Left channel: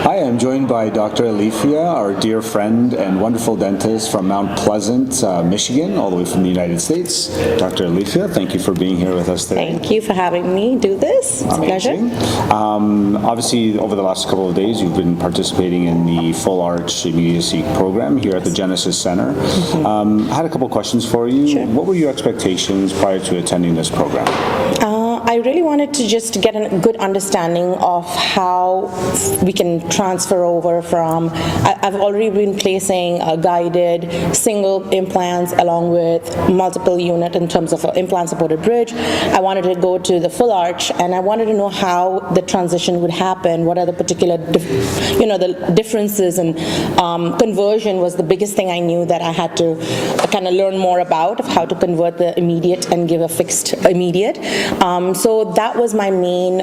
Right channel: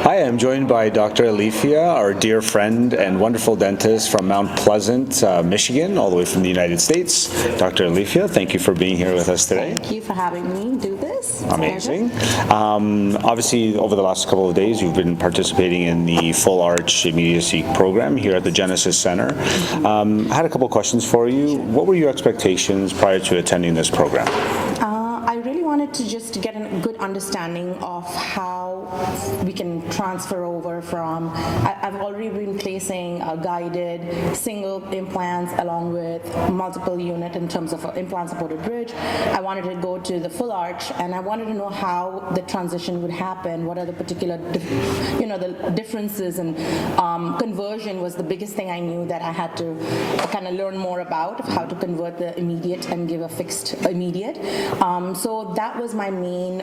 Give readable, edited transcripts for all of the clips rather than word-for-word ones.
Hi, I'm joined by Dr. Alifiya, our dear friend and wonderful dentist from Mount Pleasant, Michigan, all the way from the United States. Dr. Alifiya, thank you for being here with us today. Thank you for having me do this. It's Amazing. a pleasure. Obviously, over the last couple of days, you've been participating in the Full Arch Immediacy program here at the Genesis Center. I had a couple questions for you. Sure. What were your expectations prior to attending this program? I really wanted to just get a good understanding of how we can transfer over from, I've already been placing guided single implants along with multiple unit in terms of implant supported bridge. I wanted to go to the full arch, and I wanted to know how the transition would happen. What are the particular, the differences, and conversion was the biggest thing I knew that I had to kind of learn more about, of how to convert the immediate and give a fixed immediate. So that was my main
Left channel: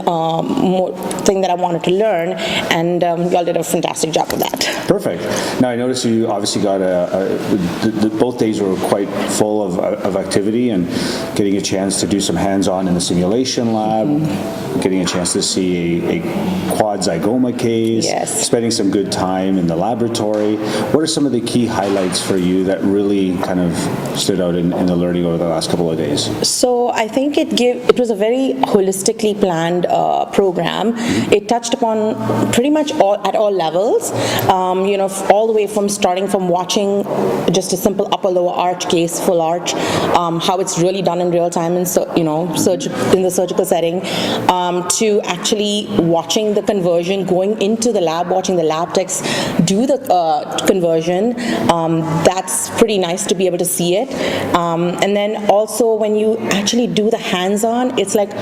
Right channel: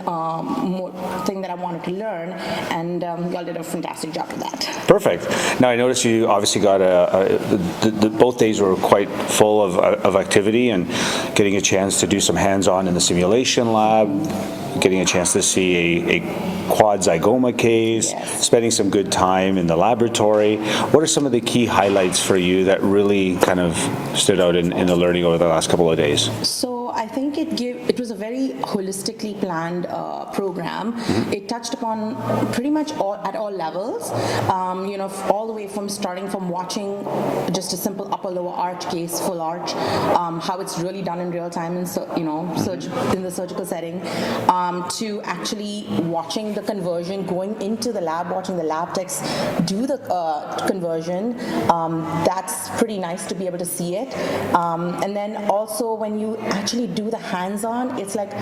thing that I wanted to learn, and y'all did a fantastic job of that. Perfect. Now, I noticed you obviously got both days were quite full of activity and getting a chance to do some hands-on in the simulation lab, getting a chance to see a quad zygoma case, Yes. spending some good time in the laboratory. What are some of the key highlights for you that really kind of stood out in the learning over the last couple of days? So I think it was a very holistically planned program. It touched upon pretty much at all levels, all the way from starting from watching just a simple upper lower arch case, full arch, how it's really done in real time, and in the surgical setting, to actually watching the conversion, going into the lab, watching the lab techs do the conversion. That's pretty nice to be able to see it. And then also when you actually do the hands-on, it's like,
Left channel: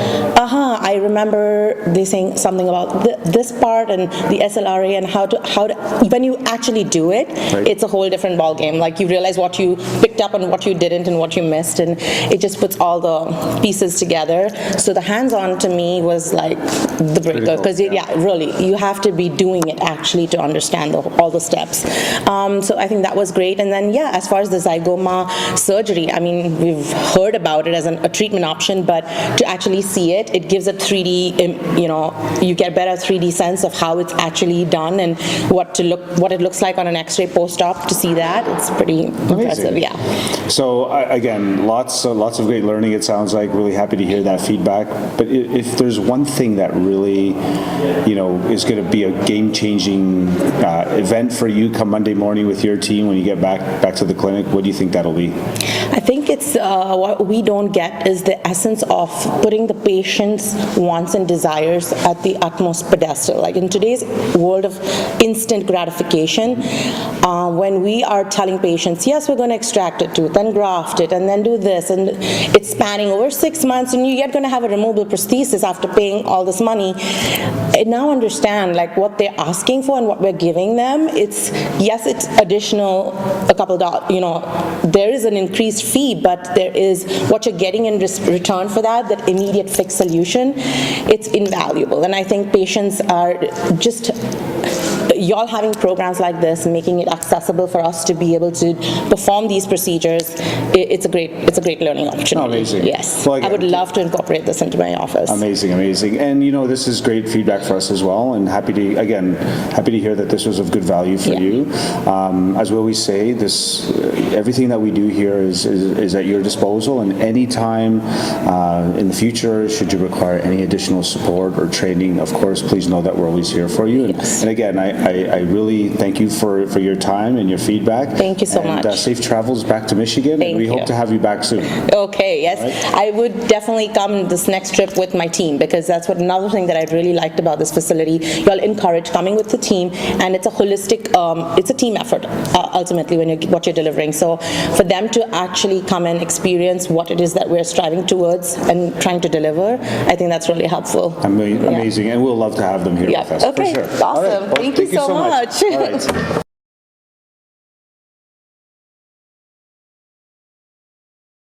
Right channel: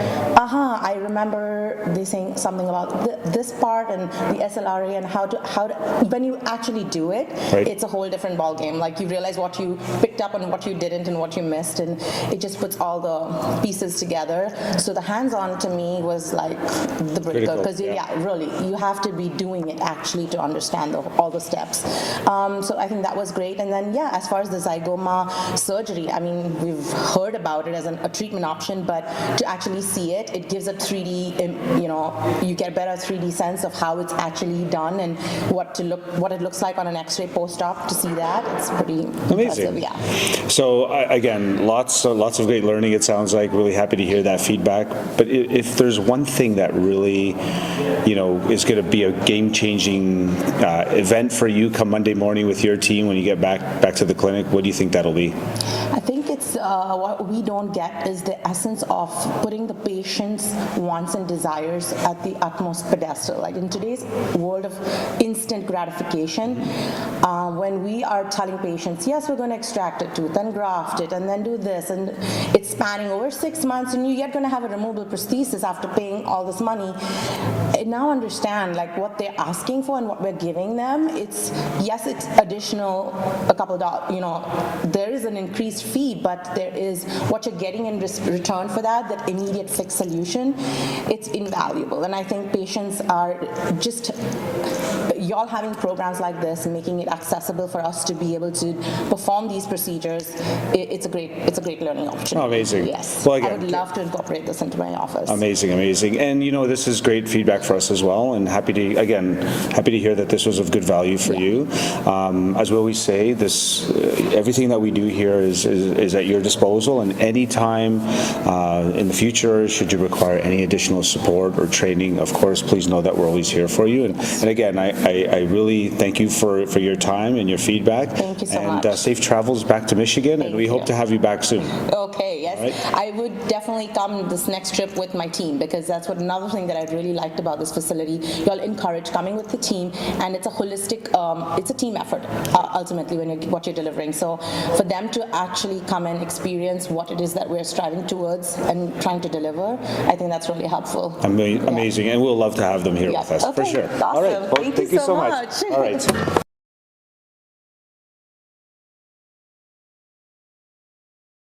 I remember they saying something about this part and the SLRA, and how to when you actually do it, right. It's a whole different ball game. Like, you realize what you picked up and what you didn't and what you missed, and it just puts all the pieces together. So the hands-on to me was like the breaker, because really, you have to be doing it actually to understand all the steps. So I think that was great. And then as far as the zygoma surgery, I mean, we've heard about it as a treatment option, but to actually see it, it gives a 3D, you get a better 3D sense of how it's actually done and what it looks like on an X-ray post-op. To see that, it's pretty impressive. Yeah. So again, lots of great learning. It sounds like. Really happy to hear that feedback. But if there's one thing that really, is going to be a game-changing event for you come Monday morning with your team when you get back to the clinic, what do you think that'll be? I think it's what we don't get is the essence of putting the patient's wants and desires at the utmost pedestal. Like, in today's world of instant gratification, when we are telling patients, yes, we're going to extract a tooth and graft it and then do this, and it's spanning over 6 months, and you're going to have a removable prosthesis after paying all this money. I now understand what they're asking for and what we're giving them. It's additional, a couple dollars, there is an increased fee, but there is what you're getting in return for that immediate fixed solution. It's invaluable. And I think patients are just, y'all having programs like this, making it accessible for us to be able to perform these procedures, it's a great learning opportunity. Oh, amazing. Yes. Well, again, I would love to incorporate this into my office. Amazing. And this is great feedback for us as well, and happy to hear that this was of good value for you. As we always say, everything that we do here is at your disposal, and anytime in the future, should you require any additional support or training, of course, please know that we're always here for you. And again, I really thank you for your time and your feedback. Thank you so much. And safe travels back to Michigan, and we hope to have you back soon. Okay, yes. Right? I would definitely come this next trip with my team, because that's another thing that I really liked about this facility. You all encourage coming with the team, and it's a holistic, it's a team effort, ultimately, what you're delivering. So for them to actually come and experience what it is that we're striving towards and trying to deliver, I think that's really helpful. Amazing, and we'll love to have them here with us. Okay, for sure. awesome. All right. Well, thank you so much. All right.